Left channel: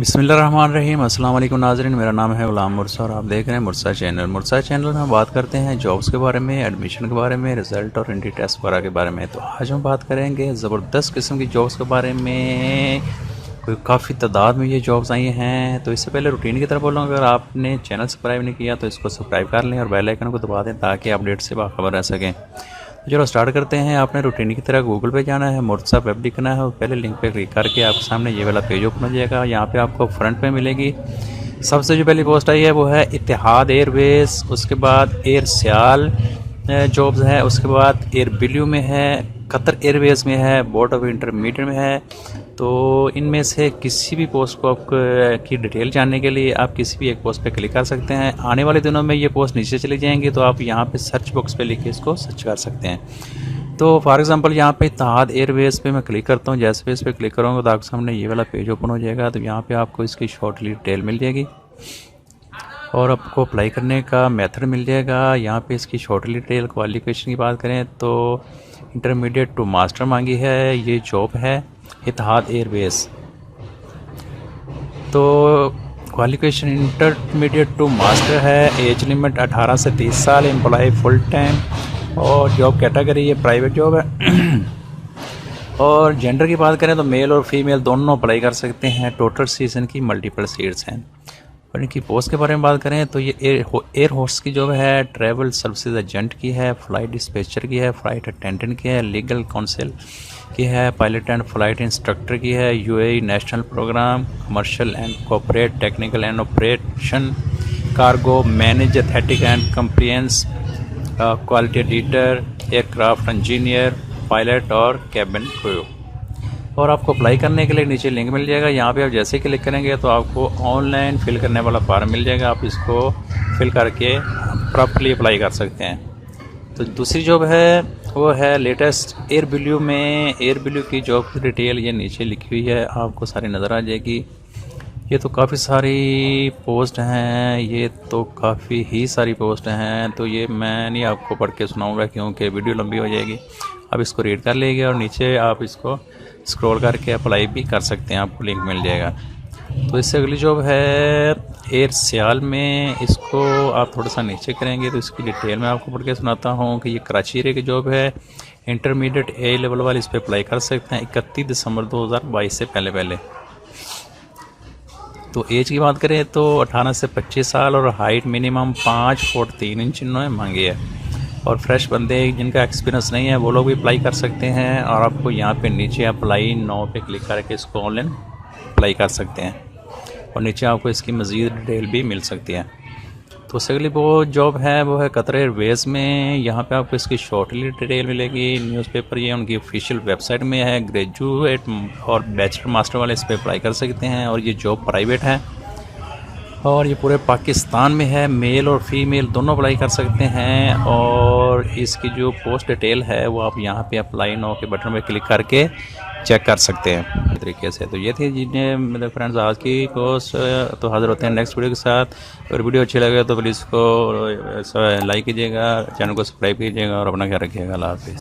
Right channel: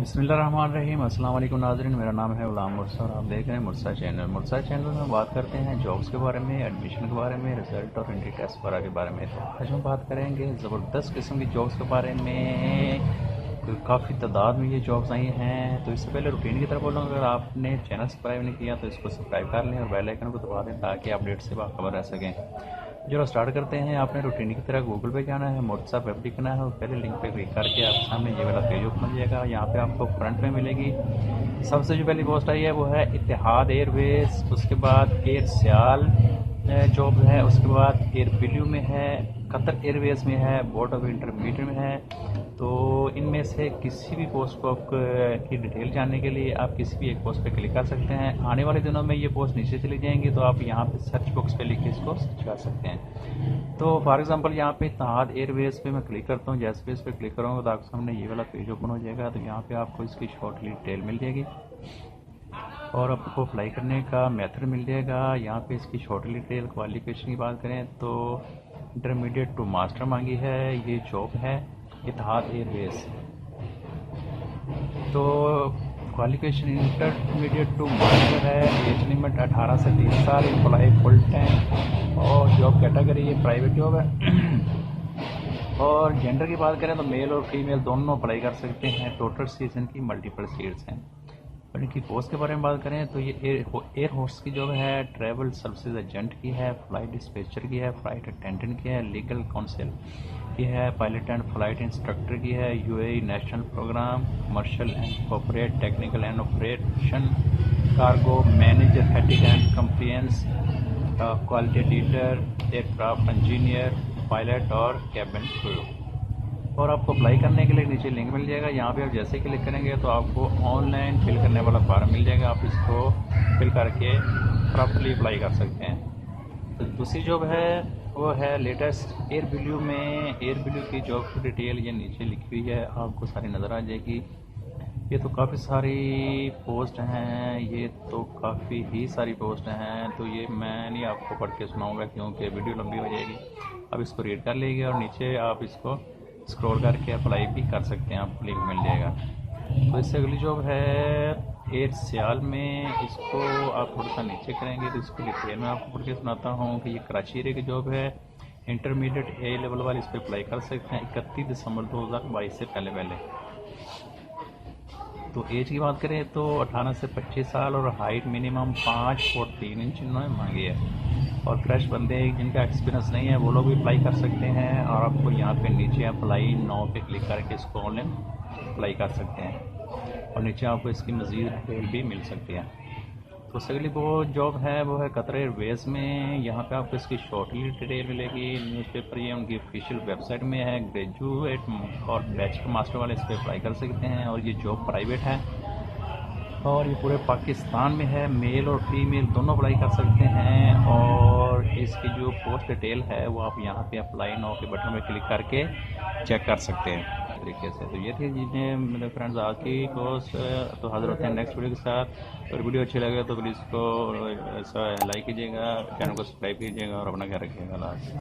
बिस्मिल्लाहिर्रहमानिर्रहीम। अस्सलाम वालेकुम नाज़रीन, मेरा नाम है ग़ुलाम मुर्सा और आप देख रहे हैं मुर्सा चैनल। मुर्सा चैनल में हम बात करते हैं जॉब्स के बारे में, एडमिशन के बारे में, रिज़ल्ट और इंट्री टेस्ट वगैरह के बारे में। तो आज हम बात करेंगे ज़बरदस्त किस्म की जॉब्स के बारे में। कोई काफ़ी तादाद में ये जॉब्स आई हैं। तो इससे पहले रूटीन की तरफ बोलूँ, अगर आपने चैनल सब्सक्राइब नहीं किया तो इसको सब्सक्राइब कर लें और बेल आइकन को दबा दें ताकि अपडेट से बाखबर रह सकें। तो चलो स्टार्ट करते हैं। आपने रूटीन की तरह गूगल पे जाना है, मुर्सा वेब लिखना है और पहले लिंक पे क्लिक करके आपके सामने ये वाला पेज ओपन हो जाएगा। यहाँ पे आपको फ्रंट पे मिलेगी सबसे जो पहली पोस्ट आई है वो है इतिहाद एयरवेज, उसके बाद एयर सियाल जॉब्स है, उसके बाद एयर बिल्यू में है, कतर एयरवेज में है, बोर्ड ऑफ इंटरमीडिएट में है। तो इनमें से किसी भी पोस्ट को आप की डिटेल जानने के लिए आप किसी भी एक पोस्ट पे क्लिक कर सकते हैं। आने वाले दिनों में ये पोस्ट नीचे चली जाएंगी तो आप यहाँ पे सर्च बॉक्स पे लिख के इसको सर्च कर सकते हैं। तो फॉर एग्जांपल यहाँ पे इत्तेहाद एयरवेज पे मैं क्लिक करता हूँ। जैसे भी इस पर क्लिक करूँगा तो आपके सामने ये वाला पेज ओपन हो जाएगा। तो यहाँ पे आपको इसकी शॉर्टली डिटेल मिल जाएगी और आपको अप्लाई करने का मेथड मिल जाएगा। यहाँ पे इसकी शॉर्टली डिटेल क्वालिफिकेशन की बात करें तो इंटरमीडिएट टू मास्टर मांगी है। ये जॉब है इत्तेहाद एयरवेज। तो क्वालिफिकेशन इंटरमीडिएट टू मास्टर है, एज लिमिट 18 से 30 साल, एम्प्लॉय फुल टाइम और जॉब कैटेगरी ये प्राइवेट जॉब है। और जेंडर की बात करें तो मेल और फीमेल दोनों अप्लाई कर सकते हैं। टोटल सीज़न की मल्टीपल सीट्स हैं। और इनकी पोस्ट के बारे में बात करें तो ये एयर होस्ट की जॉब है, ट्रैवल सर्विसेज एजेंट की है, फ्लाइट डिस्पैचर की है, फ्लाइट अटेंडेंट की है, लीगल काउंसिल की है, पायलट एंड फ्लाइट इंस्ट्रक्टर की है, UAE national program, commercial and corporate, technical and operation, cargo manage, ethic and compliance, quality editor, aircraft engineer, pilot और कैबिन क्रू। और आपको अप्लाई करने के लिए नीचे लिंक मिल जाएगा। यहाँ पे आप जैसे क्लिक करेंगे तो आपको ऑनलाइन फिल करने वाला फॉर्म मिल जाएगा। आप इसको फिल करके प्रॉपर्ली अप्लाई कर सकते हैं। तो दूसरी जॉब है वो है लेटेस्ट एयर बिल्यू में। एयर बिल्यू की जॉब की डिटेल ये नीचे लिखी हुई है, आपको सारी नज़र आ जाएगी। ये तो काफ़ी सारी पोस्ट हैं, ये तो काफ़ी ही सारी पोस्ट हैं। तो ये मैं नहीं आपको पढ़ के सुनाऊँगा क्योंकि वीडियो लंबी हो जाएगी। आप इसको रीड कर लीजिए और नीचे आप इसको स्क्रॉल करके अप्लाई भी कर सकते हैं, आपको लिंक मिल जाएगा। तो इससे अगली जॉब है एयर सियाल में। इसको आप थोड़ा सा नीचे करेंगे तो इसकी डिटेल मैं आपको पढ़ के सुनाता हूँ कि ये कराची एरिया की जॉब है। इंटरमीडिएट ए लेवल वाले इस पर अप्लाई कर सकते हैं 31 दिसंबर 2022 से पहले। तो एज की बात करें तो 18 से 25 साल और हाइट मिनिमम 5 फुट 3 इंच इन्होंने मांगी है। और फ्रेश बंदे जिनका एक्सपीरियंस नहीं है वो लोग भी अप्लाई कर सकते हैं। और आपको यहाँ पे नीचे अप्लाई नाउ पे क्लिक करके इसको ऑनलाइन अप्लाई कर सकते हैं और नीचे आपको इसकी मज़ीद डिटेल भी मिल सकती है। तो उससे अगली वो जॉब है वो है कतर एयरवेज में। यहाँ पे आपको इसकी शॉर्टली डिटेल मिलेगी। न्यूज़पेपर ये उनकी ऑफिशियल वेबसाइट में है। ग्रेजुएट और बैचलर मास्टर वाले इस पर अप्लाई कर सकते हैं और ये जॉब प्राइवेट है और ये पूरे पाकिस्तान में है। मेल और फीमेल दोनों अप्लाई कर सकते हैं। और इसकी जो पोस्ट डिटेल है वो आप यहाँ पे अप्लाई नाउ के बटन पे क्लिक करके चेक कर सकते हैं तरीके से। तो ये थी जिन्हें मेरे फ्रेंड्स आज की पोस्ट। तो हाजिर होते हैं नेक्स्ट वीडियो के साथ। अगर वीडियो अच्छी लगे तो प्लीज़ इसको लाइक कीजिएगा, चैनल को सब्सक्राइब कीजिएगा और अपना ख्याल रखिएगा। अल्लाह हाफ़िज़।